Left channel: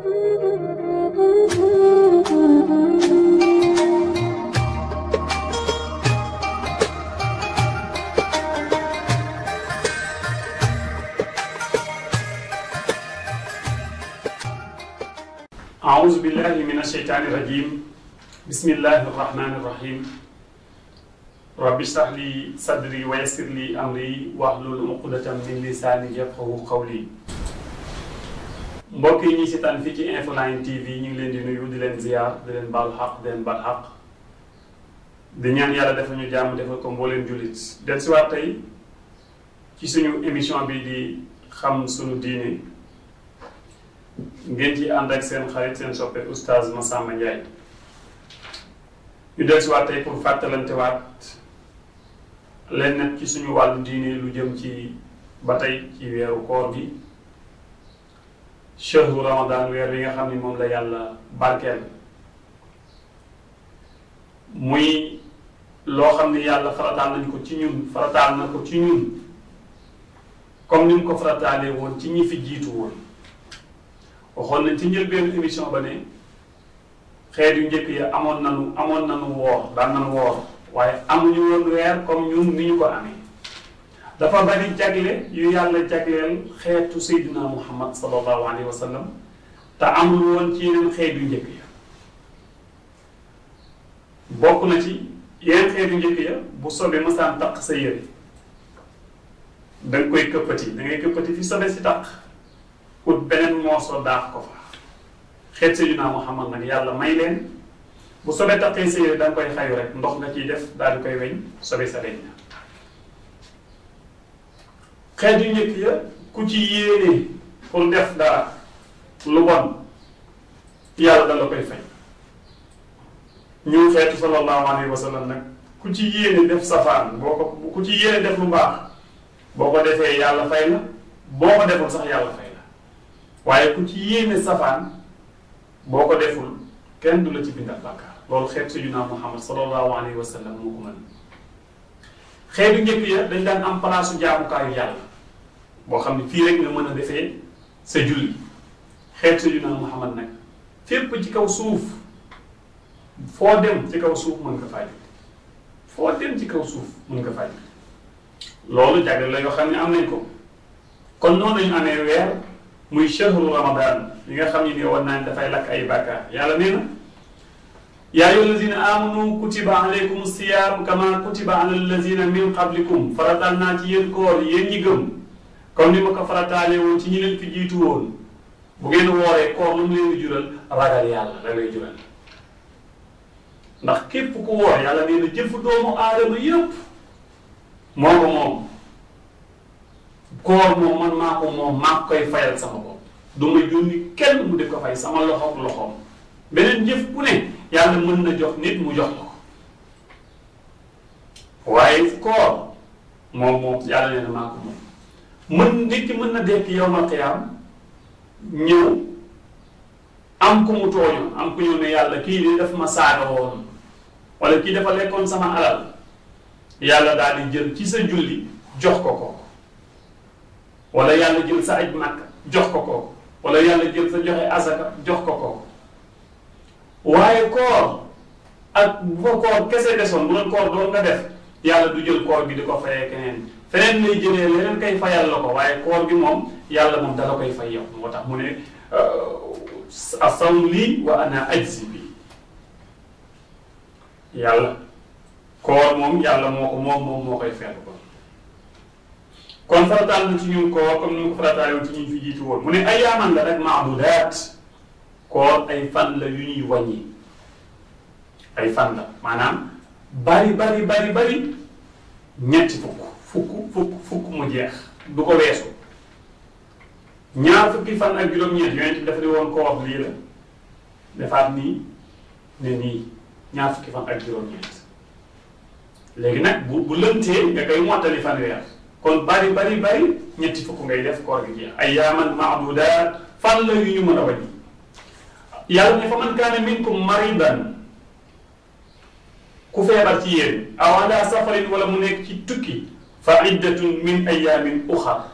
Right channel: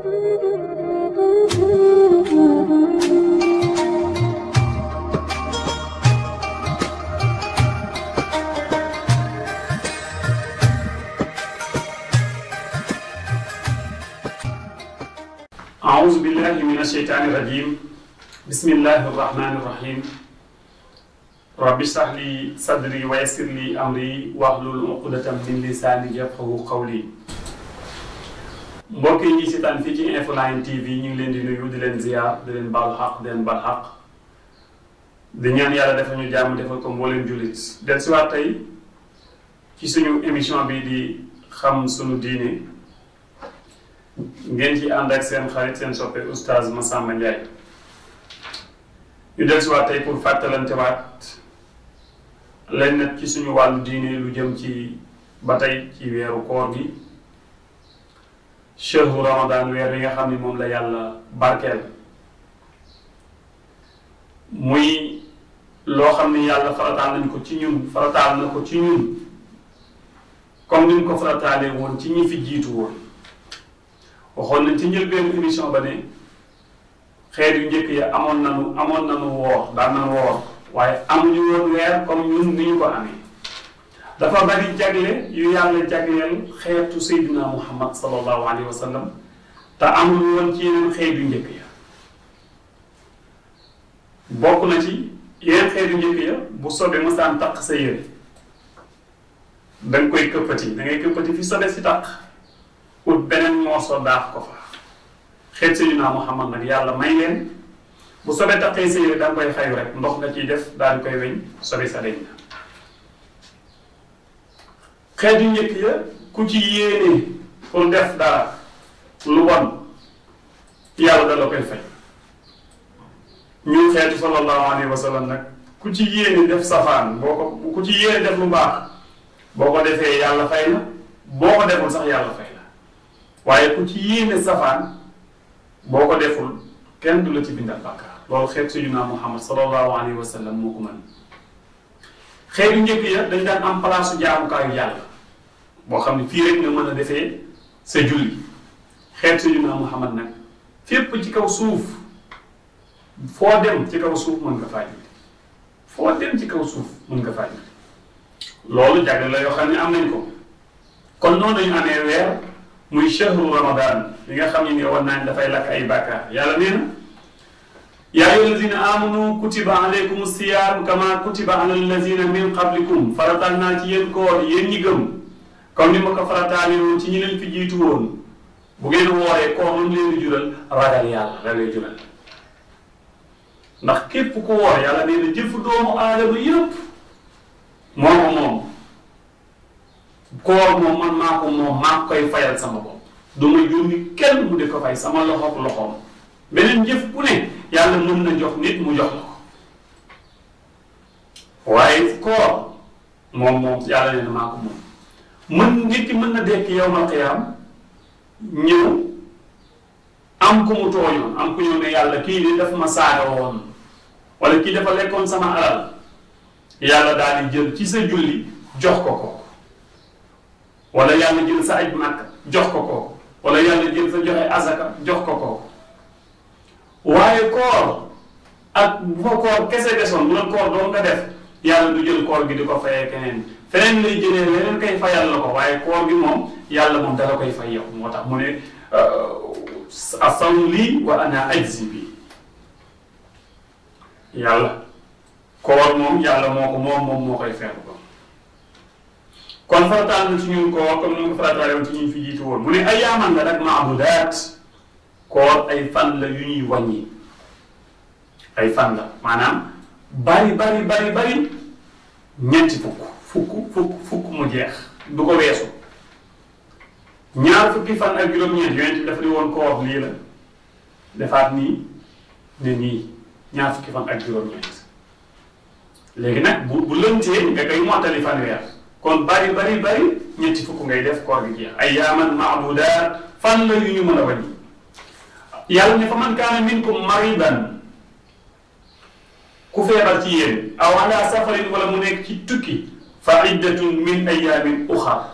أعوذ بالله من الشيطان الرجيم بسم الله الرحمن الرحيم رب اشرح لي صدري ويسر لي أمري واحلل عقدة من لساني يفقهوا قولي mbokk yi ñuy seetaan fii ci Infoline TV ñu ngi leen di nuyu di leen ziar di leen baalu xaq di leen baal xaq di ñaan yàlla defal ñu jàmm defal ko mbooleem jullit del si waat tey ci suñu émission bi di xam suñu diine ngeen ci ànd ak seen xarit seen soppe oustaz Massamba Ndiaye ñu del si waat tey pour fàttalante waat leen nag ci suñu wàllu diine lu jëm ci ba tey ci weeru koor gi chehru ramadan weer bi nga xam ni moom la yàlla barkeel muy loo xam ni yàlla farataal nañ ko ci ñun farataal na ko ci ñun comme ni mu ko farataalee woon ci ñi fi jiitu woon waxoon nañ ci njëlbéenu émission ba ne xeet yu njëkk ya amoon nanu woor daan nanu woor waaye amuñu woon weer comme ñun ni ñu ko amee dafa bari jagle yu yàlla jagleel xeetu Seydina Muhammad sallallahu alayhi wa sallam te amul woon ci yeneen xeet yu njëkk ya bokk na ci yeneen xeet yu njëkk ya bu sobe masaan taq sa yére danga koy këppati dangay këppati fi sobe si taq ut beneen morso daax ko fa xeet Seydina Muhammad nag yàlla may leen bu sobe taqee sa yére danga koy xayu rek ndox nga ciy def daal di koy weñ sobe sa deñ na xeet yu njëkk ya ku ci yéene pour def dara lu bon yàlla da la koy fay ñu xeetu sallallahu alayhi wa sallam nag ku ci yéene def safaan ku ci yéene def lu baax boo ko defee yàlla fay la boo ko deful sax yàlla fay la waaye ku ci yéene safaan boo ko deful kenn du la ci bindal bàkkaar loolu xeet sayyidina Muhammad sallallahu alayhi wa sallam moo ko mën xeet yu njëkk ya dañ daan am palaasu jaamukaayu yàlla boo xam ne fii rek nga mën a defee sa julli xeet sayyidina Muhammad nag fépp ci kaw suuf foo dem ci kaw suuf mën nga faa julli foo dem ci kaw suuf mën nga faa julli loolu jagle la yoo xam ne am nañ ko kon noonu lañu amee weer muy shahru ramadan li nga xam ne ni war naa dafay lakk ay bàkkaar yàlla nee na yaa ayyuha allazina amanu kutiba alaykum siyam kama kutiba ala allazina min qablikum faratal naa ci yéen koor yéen ñi gëm comme ni ma ko farataale woon ci ñi leen fi jiitu woon bu ngeen wooree koor lu mu leen di jural ragal yàlla da lay jural ndax képp ku woor yàlla nee na jëfu doomu aadama yëpp moo ko moom koor moom man maa ko moom maa koy fayal sama bopp du ma yónni kenn mu di ko fay sama loxoog loxoom beneen jëf bu ne yàlla mën na jox nit mu jox la ko waaye koor moom yàlla nee na maa ko moom nit ki mën na dekk yawmal qiyaam ñëw am ku mu tooñoon am ku ñëw ne yàlla kii de daf ma saaga woon wala kii dafa lekkoon sama alal yàlla daal di jël ci sa julli jox ko ko wala yàlla jël sa aj Makka jox ko ko wala yàlla jël sa joxe azaka jox ko ko waaye koor ak bu fa koor kese desoon bu doon koor doon nga def yàlla du jël koor gi di ko fayee keneen feneen lay jëlee leneen kay fayal la ko waaye koor gi moom yàlla moom dala koy fay yow moo tax mu ne asawm lii wa ana ajzi bi yàlla koor moom yàlla moom moo koy feetu ko kon farataal na ci ñun koor comme ni mu ko farataale woon ci ñun fi jiitu woon mu ne ayyaaman la rek maadudaat koor ay fan la yu ñuy wàññi ay fan la maanaam bari ñetti fukk mu jeex du ko weesu ñaar fukki fan ak juróom-ñeent yonent bi dafa di woon koor lii la defaat nii ne nii ñaar fukki fan ak juróom-ñeent léegi nag bu lëntee nga koy mottali fanweer kon bari ñetti fukk ngay def koor gi jeex ayyaaman maadudaat fan la yu ñu mën a wàññi yàlla ne fa man kaana minkum maridan ku feebar ci yéen aw ala safarin wala mu nekk ci tukki fa iddatun min ayyaamin uxar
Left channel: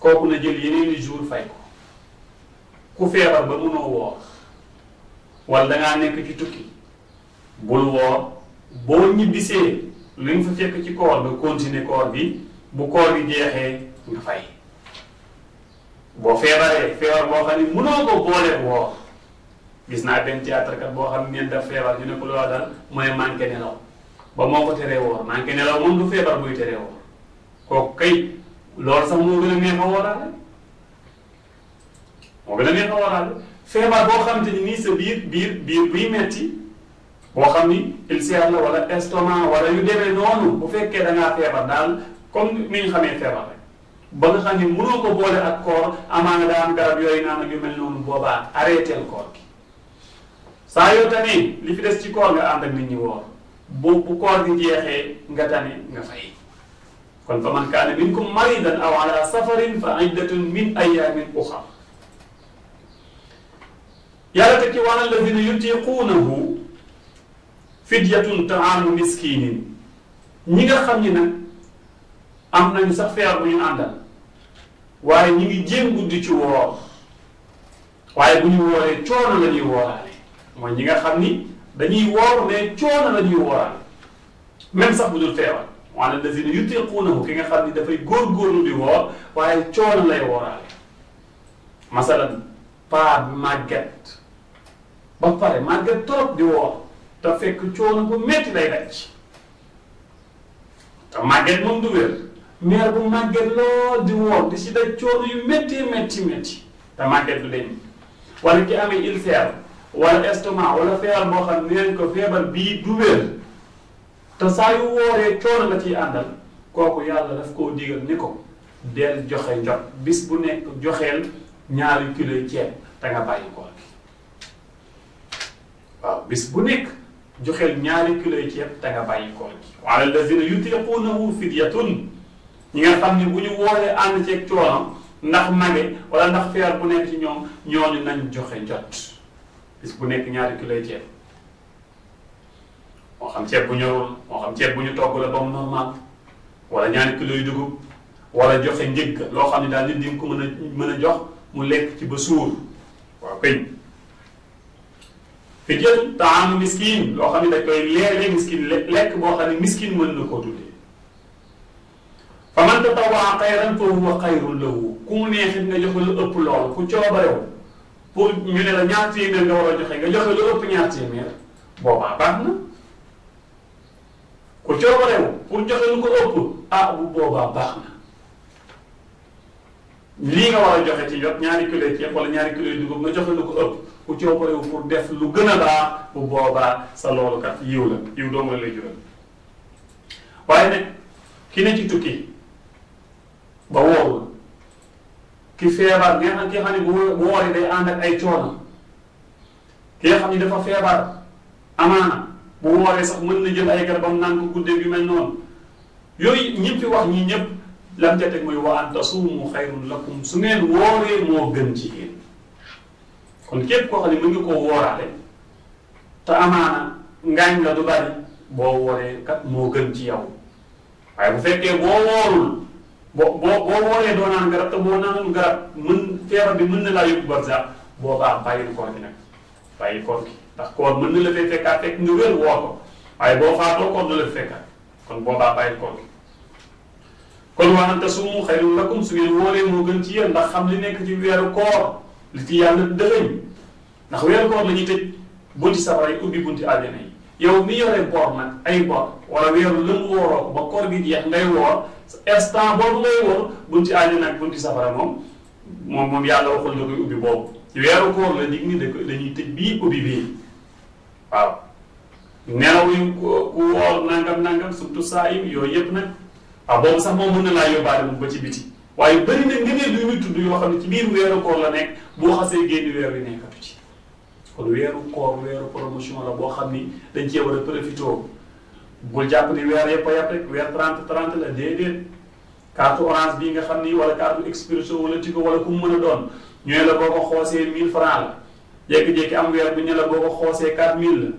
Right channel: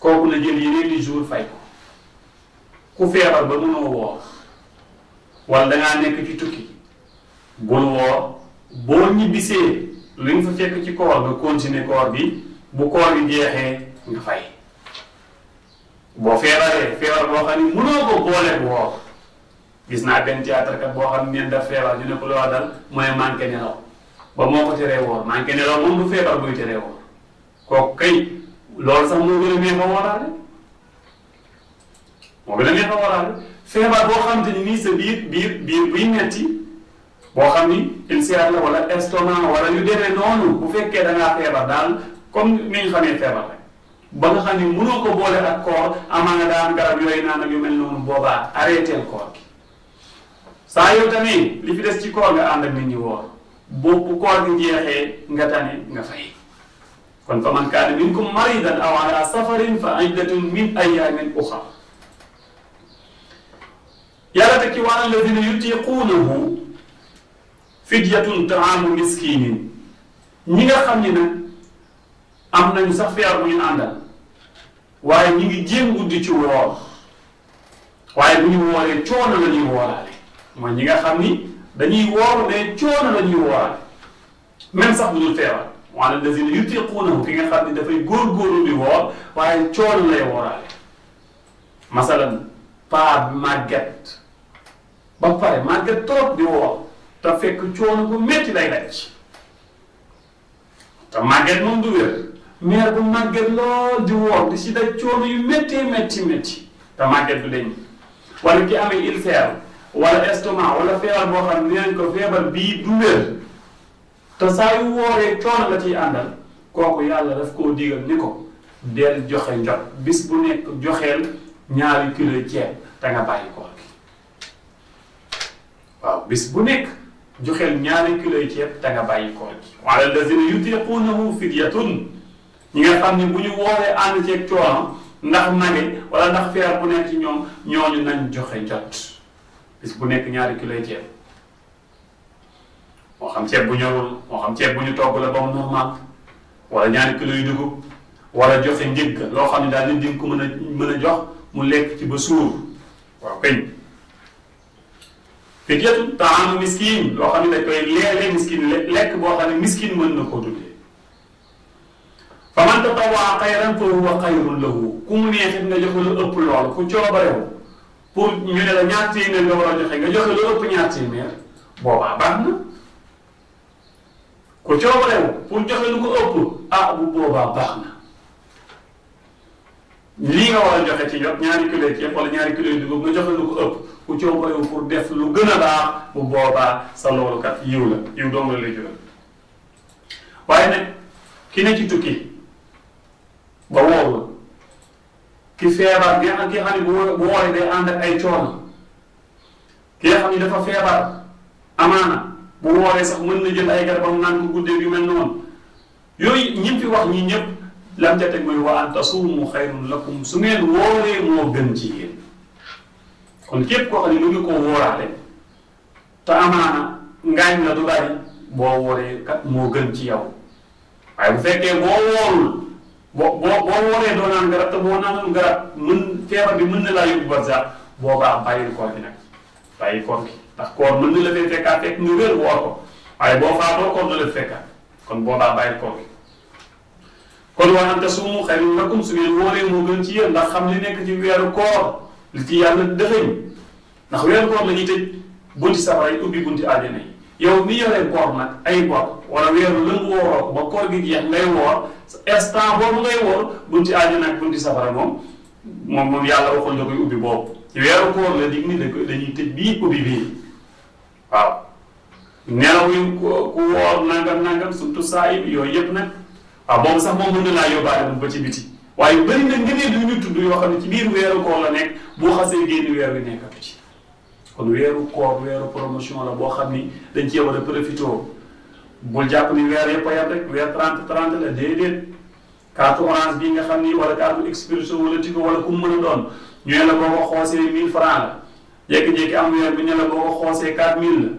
kooku na jël yeneen i jour fay ko ku feebar ba mënoo woor wala dangaa nekk ci tukki bul woor boo ñibbisee li nga fa fekk ci koor nga continuer koor bi bu koor gi jeexee nga fay boo feebaree feebar boo xam ne mënoo ko boole woor gis naa benn théâtre kat boo xam ne neen daf feebar ñu ne ko loo dal mooy manqué nelaw ba moo ko teree woor manqué nelaw moom du feebar buy teree woor kooku kay loolu sax moo gën a neex a wooraale moo gën a neex a wooraale feebar boo xam te ni nii sa biir buy metti boo xam ni ulcère la wala estomac wala yu demee noonu bu fekkee da ngaa feebar daal comme ni ñu xamee feebar rek ba nga xam ni mënoo ko boole ak koor amaa nga daan garab yooyu naan ak yu mel noonu boobaa arrêteel koor gi saa yoo tamit li fi des ci koor nga ànd ak nit ñi woor bu koor gi jeexee nga tane nga fay kon fa man kaana minkum maridan aw ala safarin fa iddatun min ayaamin uxar yàlla te ci wa alal ladina yutiquunahu fidyatun taamu miskinin ñi nga xam ni nag am nañu sax feebar bu ñu àndal waaye ñi ngi jéem guddi ci woor waaye bu ñu wooree coono la ñuy wooraale mooy ñi nga xam ni dañuy woor mais coono la ñuy wooraale même sax bu dul feebar wa alal ladina yutiquunahu ki nga xam ni dafay góorgóorlu di woor waaye coono lay wooraale masalan paa màgget ba pare màgget trop di woor te fekk coono bu metti lay daj te màgget moom du wér meer bu màgget lool di woor di si daj coono yu métti te màgget du deñ wala ki amee ulcère wala estomac wala feebar boo xam ne neen ko feebar bii du wér te saa yu wooree coono la ciy àndal kooku yàlla daf koo digal ni ko del joxe njot bis bu nekk joxeel 2 kilos ceeb te nga bàyyi koor gi waaw bis bu nekk joxeel 2 kilos ceeb te nga bàyyi koor gi wa alal lazina yutiquunahu fidyatun ñi nga xam ne bu ñu wooree ànd ceeg coonam ndax mage wala ndax feer bu nekk ci ñoom ñooñu nañ joxe njot bis bu nekk 2 kilos ceeb moo xam ceeb bu ñorul moo xam ceeb bu ñu togg la ba mu normal wala 2 kilos yu dugub wala joxe njëgg loo xam ne daal nit di ko mën a jox mu lekk ci ba suur waaw kay fidyatun taamu miskin loo xam ne dañ koy leele miskin lekk boo xam ne miskin mën na koo dundee fa man tatawaa xayran fa huwa xayrun lahu ku mu neexit nga joxe lu ëpp loolu ku coobarewu pour ñu ne la 2 téeméer nga war a joxe nga joxe lu ëpp 2 téeméer boobaa baax na ku coobarewu pour joxe lu ko ëpp bu boobaa baax na lii nga war a joxe ci jot 2 kilos ceeb wala 2 kilos dugub nga joxe lu ko ëpp ku coobarewu pour def lu gën a baax bu boobaa sa loolu kat yiw la yiw doomu la lay jural waaye nag ki ne ci tukki ba wóorul ki feebar ki xam ne bu wooree day ànd ak ay coono ki nga xam ne dafa feebar amaana bu wooree sax mën na jël ay garabam naan ko guddee yu mel noonu yooyu ñi fi wax ñi ñëpp lam ca teg mooy wa an tasuumu xayrun lakum su ngeen wooree moo gën ci yéen kon képp koo xam ne mën nga koo wóoraale te amaana ngaañ la du bari boo wooree kat moo gën ci yow waaye bu fekkee boo woorul boo wooree doo naan garab te boo naanul garab feebar bi mën na laa yóbbu barsax boobaa bàyyil koor gi nag bàyyi koor gi ndax koor mën na la fay fekkaat fekk nga wér woor ko waaye boo faatoo koor na la fekkaat kon boobaa bàyyil koor gi kon wa an tasuumu xayrun lakum su ngeen wóoree moo gën ci yéen ndax xam li nekk ci weeru koor li ci yàlla dëxëñ ndax weeru koor la ñuy tëj bunti safara yi ubbi bunti àjjana yi yow mi yore bor nag ay bor wala weeru lëngu wooroo ko ba koor gi jeex ngay woor instant boobu ngay woor bunti àjjana ak bunti safara moom yàlla waxoon na koy ubbi boobu ci weeru koor la dig ni dañuy tëj bii ubbi bii waaw nelaw yu ku woor nangam surtout saa yi yooyu yëpp nag waaw boobu sax moom mën na laa yóbbaale moom ba ci biti waaye bëri na ngëneel yu ñu tudd yoo xam ne ci biir weeru koor la nekk boo xasee génn weer wi nekkatu ci kon weeru koor weeru promotion la boo xam ni dañ cee war a profité bul jàpp ni weer yëpp a yàpp rek weer 30 la déedéet carte orange bii nga xam ni wala carte expresso wala tigo wala ku mu mën a doon ñu ne la boo ko xoosee 1000 francs la jékki-jékki am weer bu ñu la boo ko xoosee 4000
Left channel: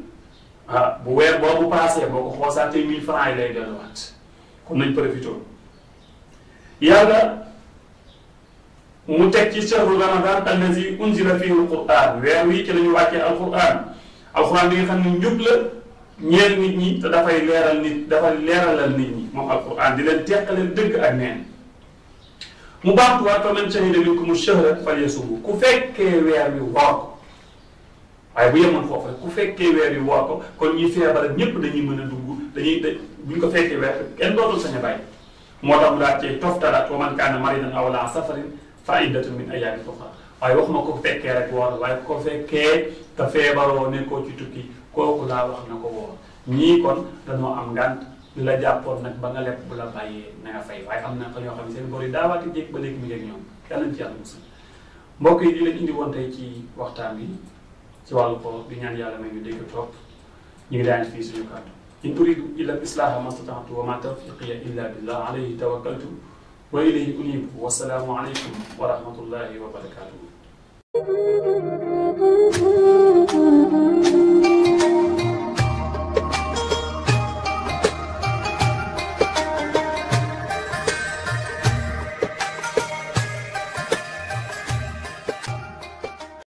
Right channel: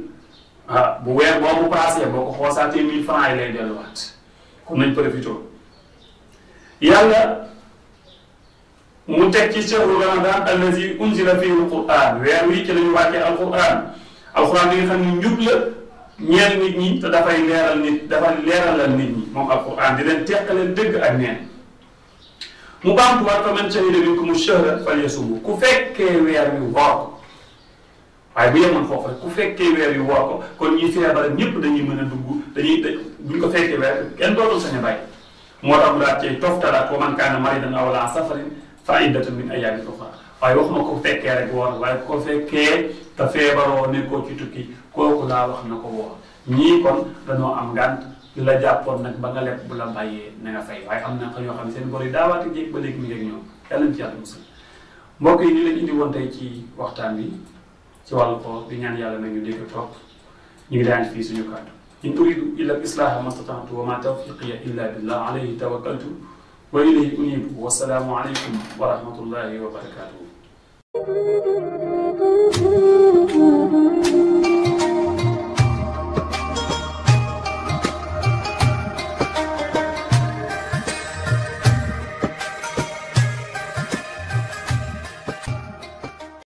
la bu weer boobu paasee boo ko xoosaatee 1000 francs yi lay delluwaat kon nañ profité yàlla mu teg ci shahru ramadan allazi unzila fihi alquran weer wi ci la ñu wàccee alquran bi nga xam ne njub la ñeel nit ñi te dafay leeral nit dafay leeralal nit ñi moom alquran di leen teqaleel dëgg ak neen mu baamtuwaat fa man shahida minkumu shahra falyasumhu ku fekkee weer wi woor ko waaye bu yemoon foofu rek ku fekkee weer wi woor ko kon ñi feebar ñëpp dañuy mën a dugg buñ ko fekkee weer kenn dootul sañ a bàyyi moo tax mu daal cee toftalaat wa man kaana maridan aw ala safarin fa iddatun min ayyaamin uxraa waaye waxuma ko fekkee rek woor waaye ko fekkee te feebaroo nekkoo ci tukki kooku laa wax na ko woor ñii kon dañoo am ngànt li la jàppoon nag ba nga lepp bu la bàyyee na nga fay waaye am na ko ñoo xam ne seen bor yi daawaati jéeg ba léegi mi ngi ak ñoom yàlla nañ ci yàlla musal mbokk yi ni lañ indi woon tey ci waxtaan bi ci wàllu koor di ñaan yàlla may ñu dégg topp ñu ngi daan fii suñu kàddu in uridu illa al-islaha ma stata'tu wa ma tawfiqiya illa billah alayhi tawakkaltu wa ilayhi unibu wa salaamu alaykum wa rahmatullahi wa barakatuhu